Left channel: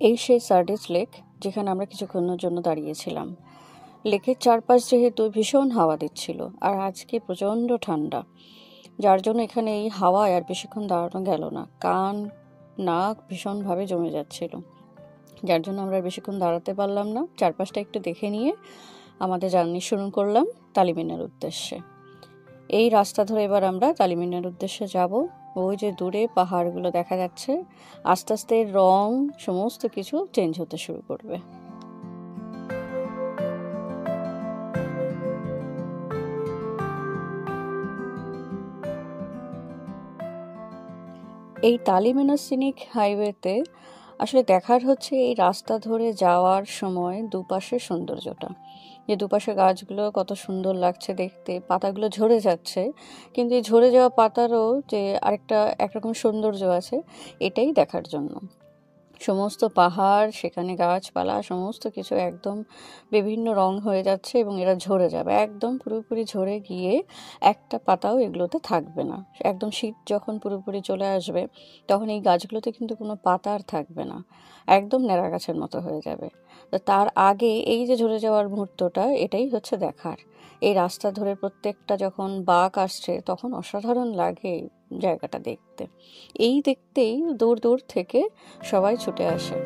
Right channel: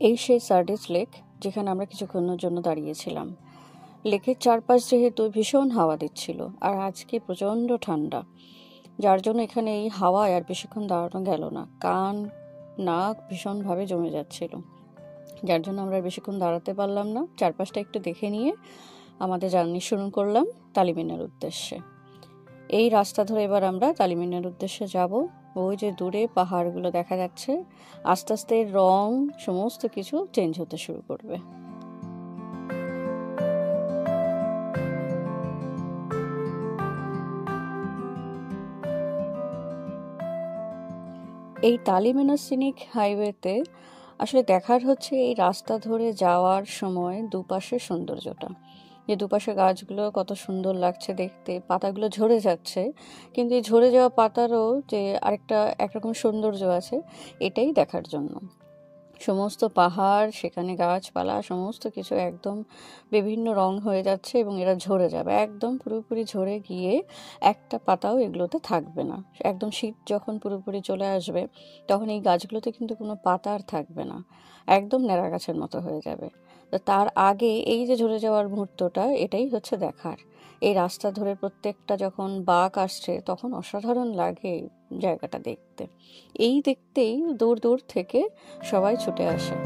এই সেই সার্ডিস লেক যেখানে আমরা কিছুক্ষণের জন্য দাঁড়িয়েছিলাম। লেকের চারপাশ যেহেতু ভীষণ হাওয়া দিচ্ছিল, আর আজকে প্রচণ্ড ঠান্ডা, যার জন্য এখানে এই হাওয়ায় আর বেশিক্ষণ দাঁড়ানো গেল না। কান নাক ভীষণভাবে জমে যাচ্ছিল, যার জন্য আমরা বেশিক্ষণ দাঁড়াতে পারলাম না। চারপাশটা একটু দেখে নিয়ে আমাদের জার্নি শুরু করলাম তালিমিনার উদ্দেশ্যে। এই রাস্তা ধরে এবার আমরা তালিমিনার উদ্দেশ্যে যাব। ওই যে দূরে পাহাড়গুলো দেখা যাচ্ছে, আস্তে আস্তে রং সমস্ত কিছু চেঞ্জ হতে শুরু করবে। এই তালিমিনার সিনিক হাইওয়েতে আসলে দেখার হচ্ছে এই রাস্তা ধরে যাওয়ার সময় দুপাশের সৌন্দর্যটা, যে দুপাশে গাছগুলো কত সুন্দর লাগছে দেখতে, পাতাগুলো ঝরে যাচ্ছে, কিন্তু এই ঝরে যাওয়া পাতারও যে আরেকটা একরকম সৌন্দর্য আছে, এটাই দেখার জন্য। সমস্ত পাহাড়, সেখানে গাছপালা সমস্ত কিছু একদম বিভিন্ন রং হয়ে যাচ্ছে এবং এরা ঝরে যাবে, একদম পুরোপুরি ঝরে গিয়ে একটা পাতাও এগুলোতে থাকবে না। একদম শীত যখন পুরোপুরি চলে আসবে তখন এই গাছগুলোতে কিন্তু কোনো পাতা আর থাকবে না, একদম ন্যাড়া গাছের মতো হয়ে যাবে। তার আগে এই যে ঝরে যাওয়ার মুহূর্তটা, এটাই হচ্ছে দেখার। এই রাস্তা ধরে প্রত্যেকটা যখন বাঁক আসছে তখন অসাধারণ লাগে জায়গাটা দেখতে। এই দেখতেই দূর দূর থেকে সবাই ছুটে আসে।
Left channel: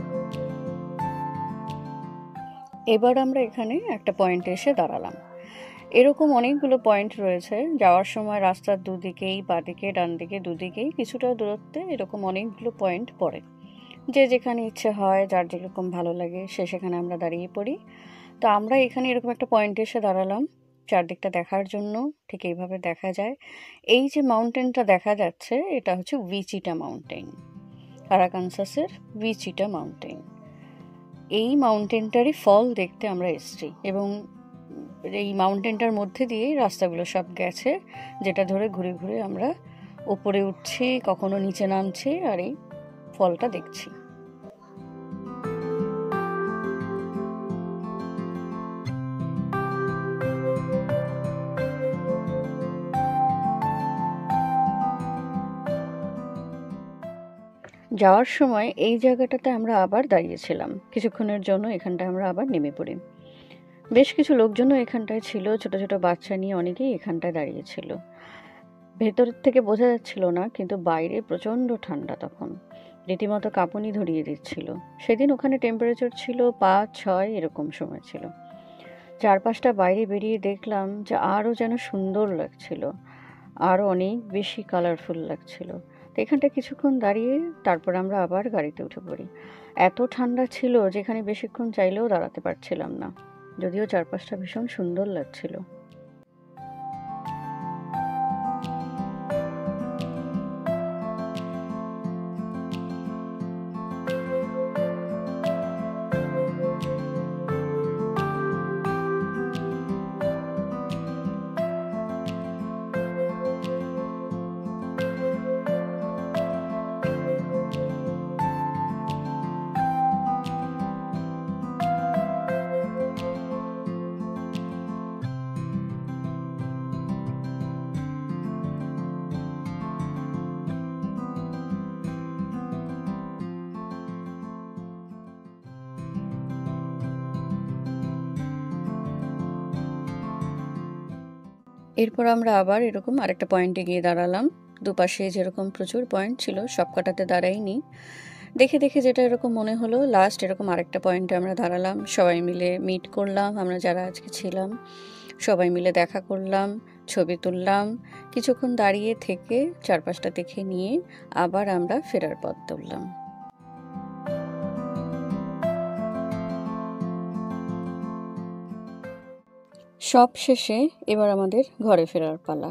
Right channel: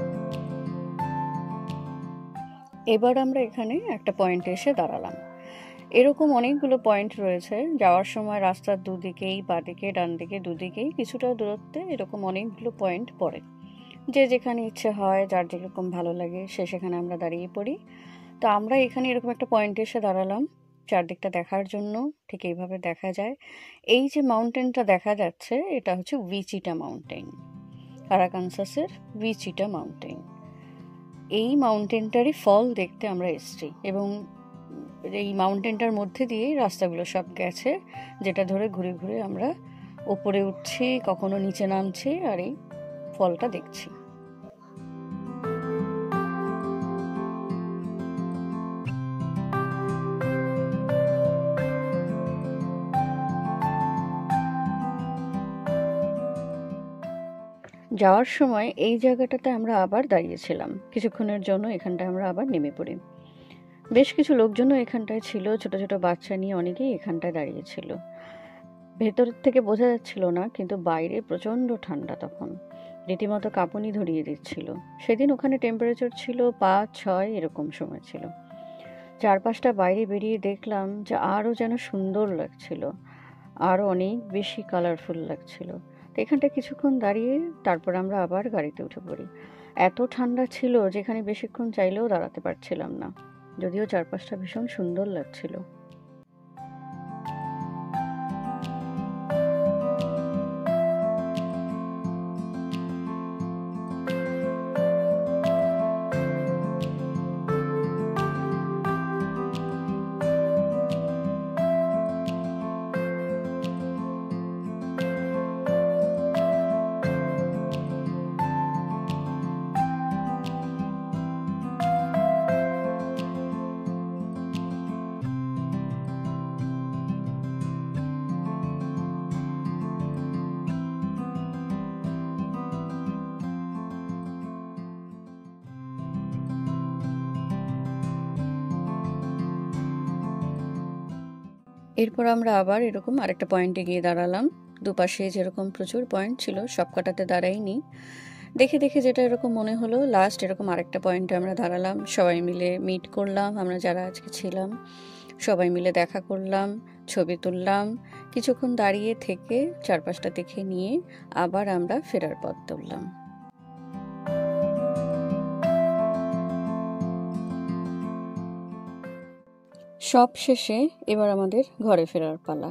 এবার আমরা এখানে একটা পয়েন্টে এসে দাঁড়ালাম। এরকম অনেকগুলো পয়েন্ট রয়েছে যাওয়ার সময় রাস্তার দুদিকেই, বাঁদিকে ডান দিকে দুদিকেই কিছুটা দূরত্বে এরকম অনেকগুলো পয়েন্ট পড়ে। যে যেখানে ইচ্ছে হয়, যার যেরকম ভালো লাগে সে সেখানে আমরা দাঁড়িয়ে পড়ি। তো আমরা এখানে এরকম একটা পয়েন্টে এসে দাঁড়ালাম চারদিকটা দেখার জন্য। ঠিক এইভাবে দেখা যায়। এই যে মাউন্টেনটা দেখা যাচ্ছে এটা হচ্ছে উইচিটা মাউন্টেন, আরাকানসাসের উইচিটা মাউন্টেন। এই মাউন্টেনটারই ফল দেখতে আমরা এসেছি এবং এই মাউন্টেনটার মধ্যে দিয়েই রাস্তাগুলো সব গেছে, যেটা ধরে ঘুরে ঘুরে আমরা উপরে উঠছি, কখনো নিচে নামছি আর এই ফলটা দেখছি। যাওয়ার সময় এই জায়গাটাতে আমরা আবার দাঁড়িয়েছিলাম কিছুক্ষণের জন্য, এখানটায় আমরা আবার নেমে পড়ি। বেশ কিছু লোকজনও এখানটায় ছিল, ছোট ছোট বাচ্চা নিয়ে অনেকেই এখানটায় দাঁড়িয়েছিল। ভেতর থেকে বোঝা যাচ্ছিল না, কিন্তু বাইরে প্রচণ্ড ঠান্ডা, তখন রীতিমতো কাঁপুনি ধরিয়ে দিচ্ছিল। সেদিন ওখানে টেম্পারেচার ছিল 5-6 এরকম সময় ছিল। চারপাশটা বাইরে বেরিয়ে দেখলাম যে আরও যেন সুন্দর লাগছিল, আরও অনেক বেশি কালারফুল লাগছিল। তো এখানটা কিছুক্ষণ দাঁড়িয়ে তারপর আমরা আবার গাড়িতে উঠে পড়ি। এত ঠান্ডা ছিল যেখানে বেশিক্ষণ চাইলেও দাঁড়াতে পারছিলাম না, যদিও চারপাশটা ভীষণ সুন্দর লাগছিল। এরপর আমরা আবার এরকম আরেকটা পয়েন্টে গিয়ে দাঁড়ালাম। দুপাশে যেরকম প্রচুর পয়েন্ট ছিল সব কটাতে দাঁড়াইনি, দেখে দেখে যেটা এরকম মনে হলো লাস্ট এরকম আরেকটা পয়েন্টে আমরা দাঁড়ালাম। সবাই মিলে মিট করলাম, আমরা যারা আজকে ছিলাম সবাই মিলে দেখা করলাম, ছবি তুললাম। কিছুক্ষণ দাঁড়িয়ে থেকে চারপাশটা দেখে নিয়ে আবার আমরা ফেরার পথ তুললাম। সব শেষে এবার আমাদের ঘরে ফেরার পালা।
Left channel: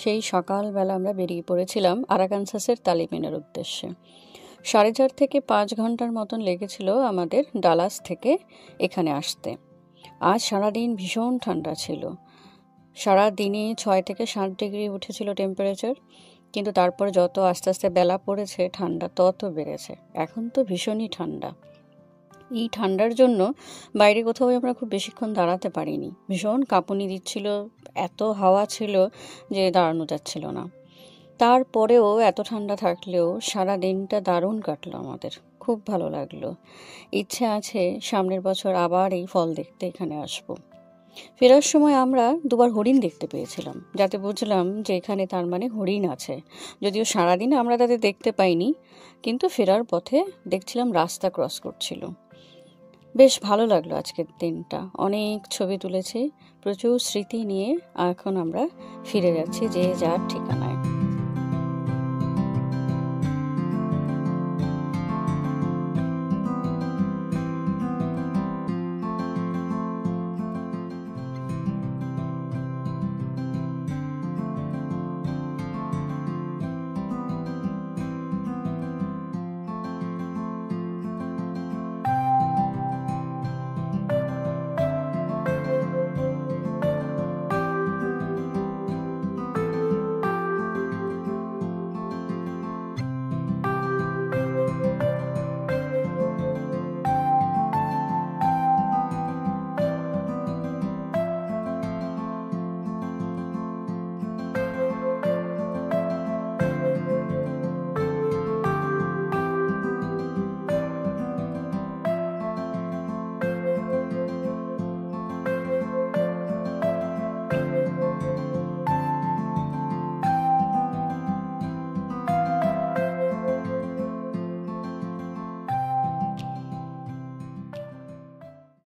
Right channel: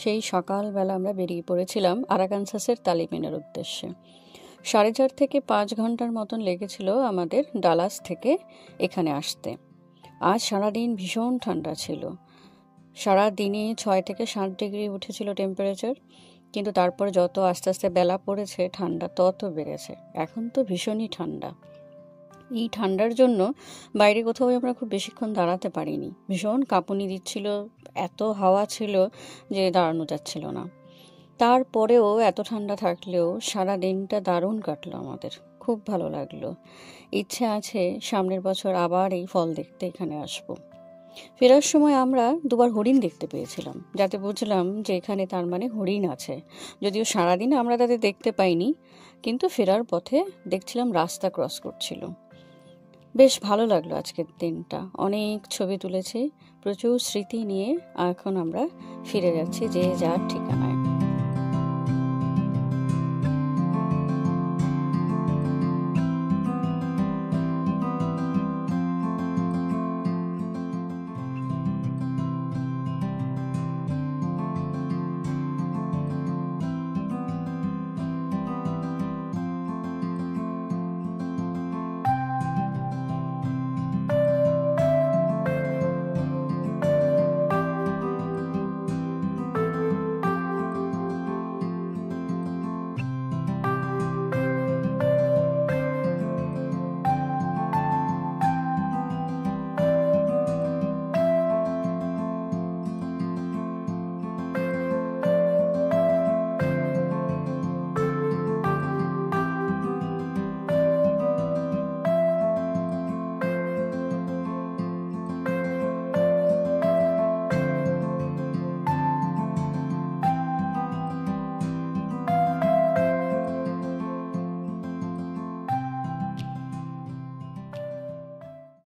সেই সকালবেলা আমরা বেরিয়ে পড়েছিলাম আরাকানসাসের তালিমিনার উদ্দেশ্যে। 4.5 থেকে 5 ঘন্টার মতন লেগেছিল আমাদের ডালাস থেকে এখানে আসতে। আজ সারাদিন ভীষণ ঠান্ডা ছিল, সারাদিনে 6 থেকে 7 ডিগ্রি উঠেছিল টেম্পারেচার, কিন্তু তারপরে যত আস্তে আস্তে বেলা পড়েছে ঠান্ডা তত বেড়েছে। এখন তো ভীষণই ঠান্ডা। এই ঠান্ডার জন্য বাইরে কোথাও আমরা খুব বেশিক্ষণ দাঁড়াতে পারিনি, ভীষণ কাঁপুনি দিচ্ছিল, এত হাওয়া ছিল যে দাঁড়ানো যাচ্ছিল না। তারপরেও এত ঠান্ডা থাকলেও সারা দিনটা দারুণ কাটলো আমাদের, খুব ভালো লাগলো। ইচ্ছে আছে সামনের বছর আবার এই ফল দেখতে এখানে আসবো। ফেরার সময় আমরা দুবার হরিণ দেখতে পেয়েছিলাম, যাতে বুঝলাম যে এখানে তার মানে হরিণ আছে। যদিও সারাদিন আমরা তাদের দেখতে পাইনি, কিন্তু ফেরার পথে দেখছিলাম রাস্তা ক্রস করছিল। বেশ ভালো লাগলো আজকের দিনটা। অনেক ছবি তুলেছি, প্রচুর স্মৃতি নিয়ে এখন আমরা ফিরে যাচ্ছি যে যার ঠিকানায়।